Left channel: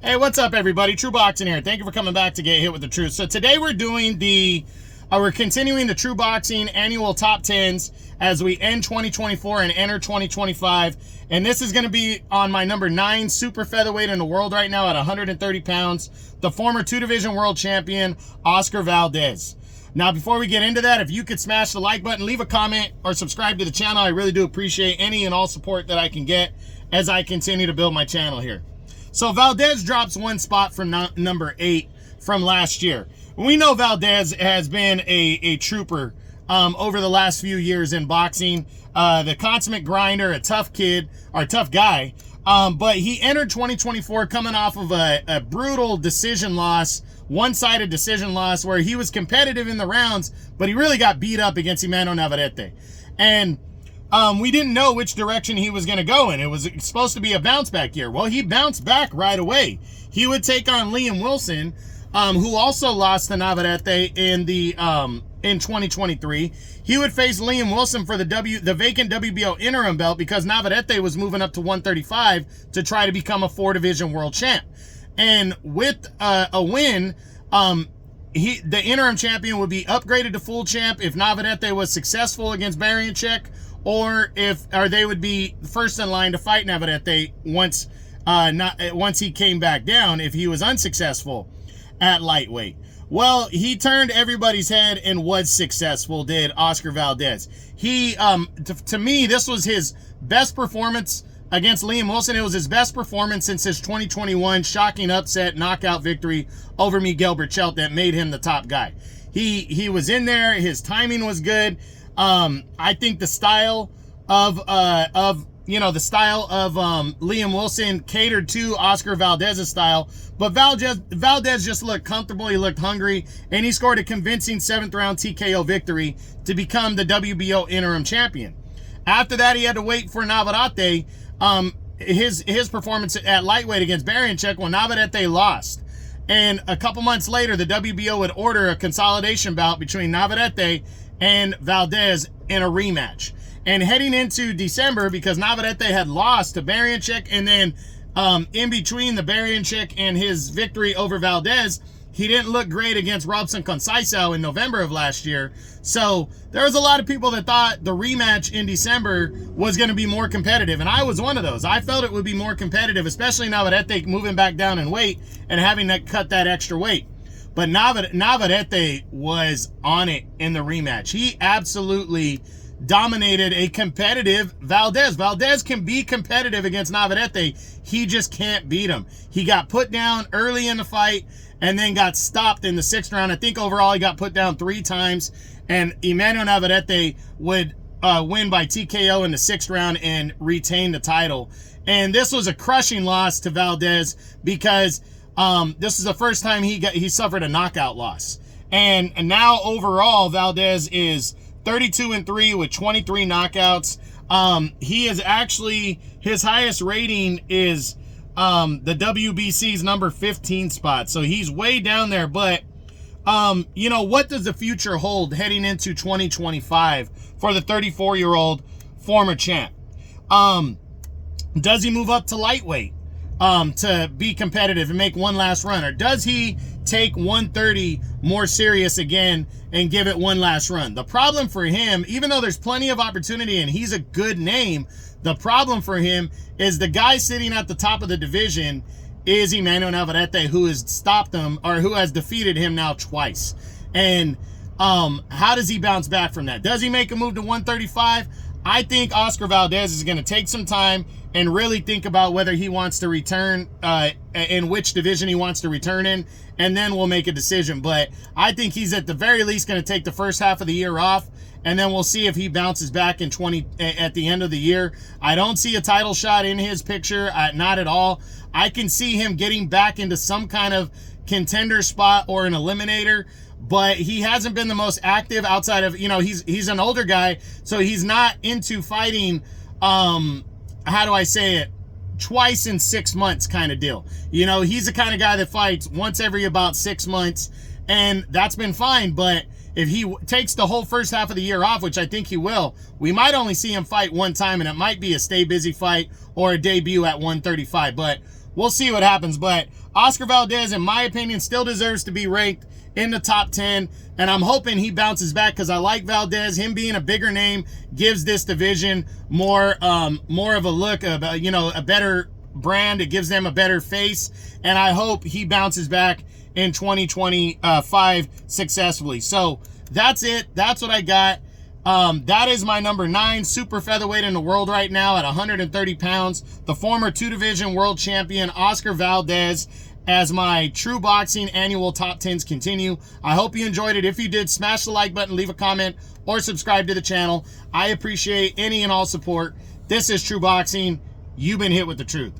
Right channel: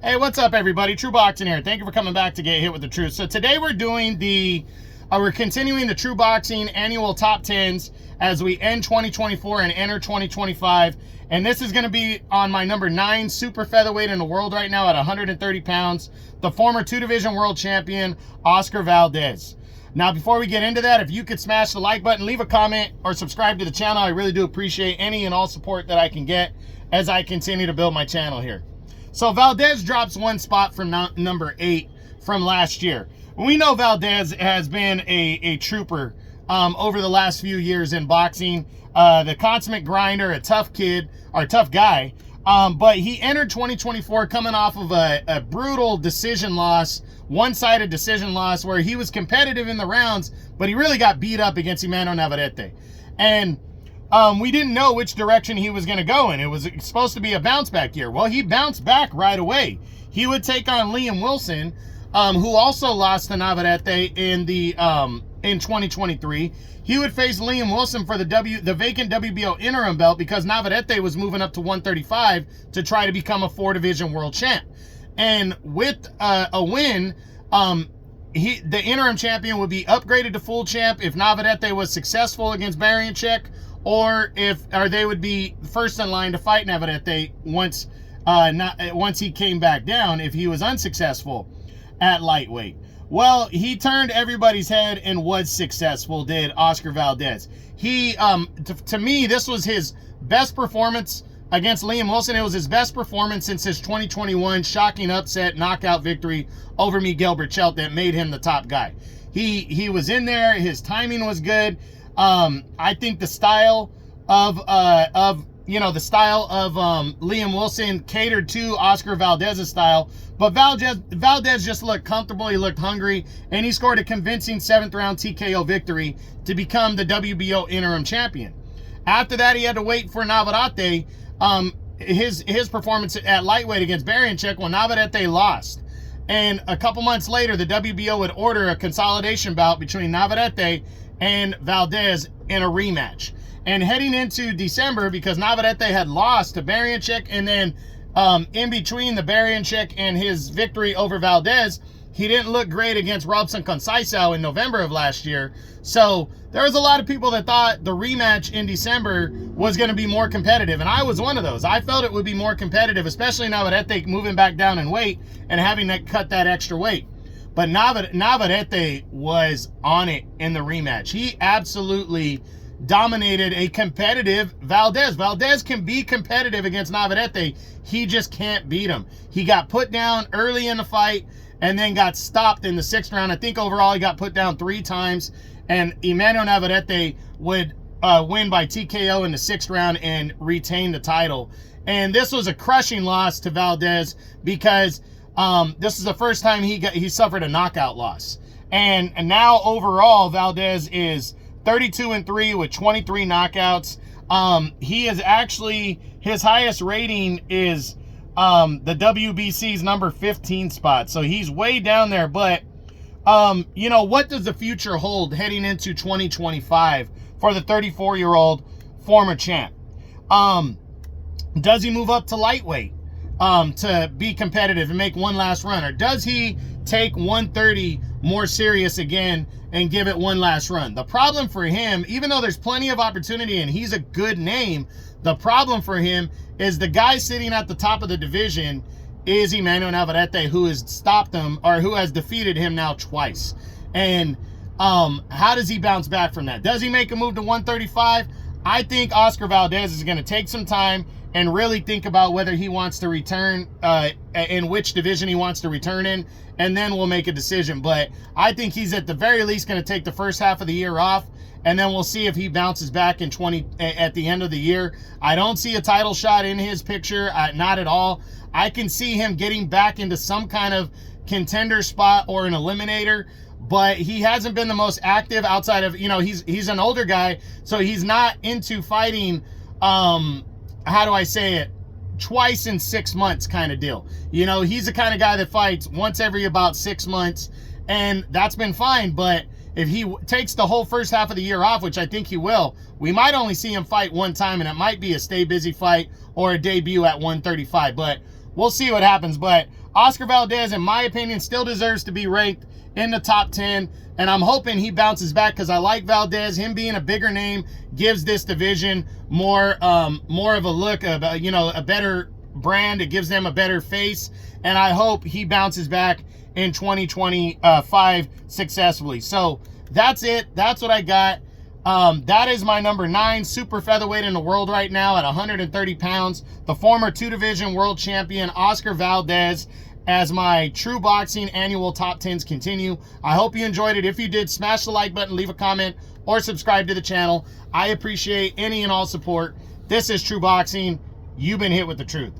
Hey, what's up, everybody? True Boxing here. Thank you for coming back to Get Hit with the Truth. So today we're doing we're continuing the True Boxing annual top 10s as we end 2024 and enter 2025. And this is going to be on my number 9 super featherweight in the world right now at 130 pounds, the former 2-division world champion, Oscar Valdez. Now, before we get into that, if you could smash the like button, leave a comment, or subscribe to the channel, I really do appreciate any and all support that I can get as I continue to build my channel here. So Valdez drops one spot from number 8 from last year. We know Valdez has been a trooper over the last few years in boxing. The consummate grinder, a tough kid, or tough guy. But he entered 2024 coming off of a brutal decision loss, one-sided decision loss, where he was competitive in the rounds, but he really got beat up against Emmanuel Navarrete. And we didn't know which direction he was going to go in. It was supposed to be a bounce back year. Well, he bounced back right away. He would take on Liam Wilson, who also lost to Navarrete in 2023. He would face Liam Wilson for the vacant WBO interim belt because Navarrete was moving up to 135 to try to become a 4-division world champ. And with a win, the interim champion would be upgraded to full champ if Navarrete was successful against Barianchek, or they would be first in line to fight Navarrete once he came back down if he was unsuccessful at lightweight. Well, he turned everybody's head and was successful, did Oscar Valdez. He, to me, this was his best performance against Liam Wilson. It was his best performance since his 2021 shocking upset knockout victory over Miguel Berchelt that made him the top guy. He was in there. His timing was good. I think the style of Liam Wilson catered to Oscar Valdez's style, but Valdez just looked comfortable. He looked hungry, and he scored a convincing 7th round TKO victory to become the WBO interim champion. After that, he had to wait for Navarrete. His performance at lightweight against Barianchek when Navarrete lost. And a couple months later, the WBO would order a consolidation bout between Navarrete and Valdez in a rematch. And heading into December, because Navarrete had lost to Barianchek, and then in between the Barianchek and his victory over Valdez, he didn't look great against Robson Conceição in November of last year. So there was a lot of people that thought the rematch in December was going to be more competitive, and I was one of those. I felt it would be more competitive, especially Navarrete moving back down in weight and having to cut that extra weight. But Navarrete was on it in the rematch. He absolutely dominated a competitive Valdez. Valdez can be competitive against Navarrete. He just can't beat him. He got put down early in the fight and then got stopped in the 6th round. I think overall he got put down 3 times, and Emmanuel Navarrete would win by TKO in the 6th round and retain the title. And this was a crushing loss to Valdez because this is the first time he suffered a knockout loss. And now overall, Valdez is 32-3 with 23 knockouts. He is actually, his highest rating is the WBC's number 15 spot. So he's way down there. But, what does the future hold heading into 2025 for the 34-year-old former champ? Does he move up to lightweight to be competitive and make one last run? Or does he take 130 more serious again and give it one last run? The problem for him, even though there's plenty of opportunity and he's a good name, the problem for him is the guy sitting at the top of the division is Emmanuel Navarrete, who has stopped him, or who has defeated him now twice. And how does he bounce back from that? Does he make a move to 135? I think Oscar Valdez is going to take some time and really think about whether he wants to return, in which division he wants to return in, and then we'll make a decision. But I think he's at the very least going to take the first half of the year off, and then we'll see if he bounces back at the end of the year. I don't see a title shot in his picture, not at all. I can see him getting back into some kind of contender spot or an eliminator, but he hasn't been the most active outside of, he's an older guy, so he's not into fighting, how do I say it, twice in 6 months kind of deal. He's the kind of guy that fights once every about 6 months, and that's been fine. But if he takes the whole first half of the year off, which I think he will, we might only see him fight one time, and it might be a stay busy fight or a debut at 135. But we'll see what happens. But Oscar Valdez, in my opinion, still deserves to be ranked in the top 10, and I'm hoping he bounces back because I like Valdez. Him being a bigger name gives this division more of a look of, you know, a better brand. It gives them a better face, and I hope he bounces back in 2025 successfully. So that's it. That's what I got. That is my number 9 super featherweight in the world right now at 130 pounds. The former 2-division world champion, Oscar Valdez, as my True Boxing annual top 10s continue. I hope you enjoyed it. If you did, smash the like button, leave a comment, or subscribe to the channel. I appreciate any and all support. This is True Boxing. You've been hit with the truth.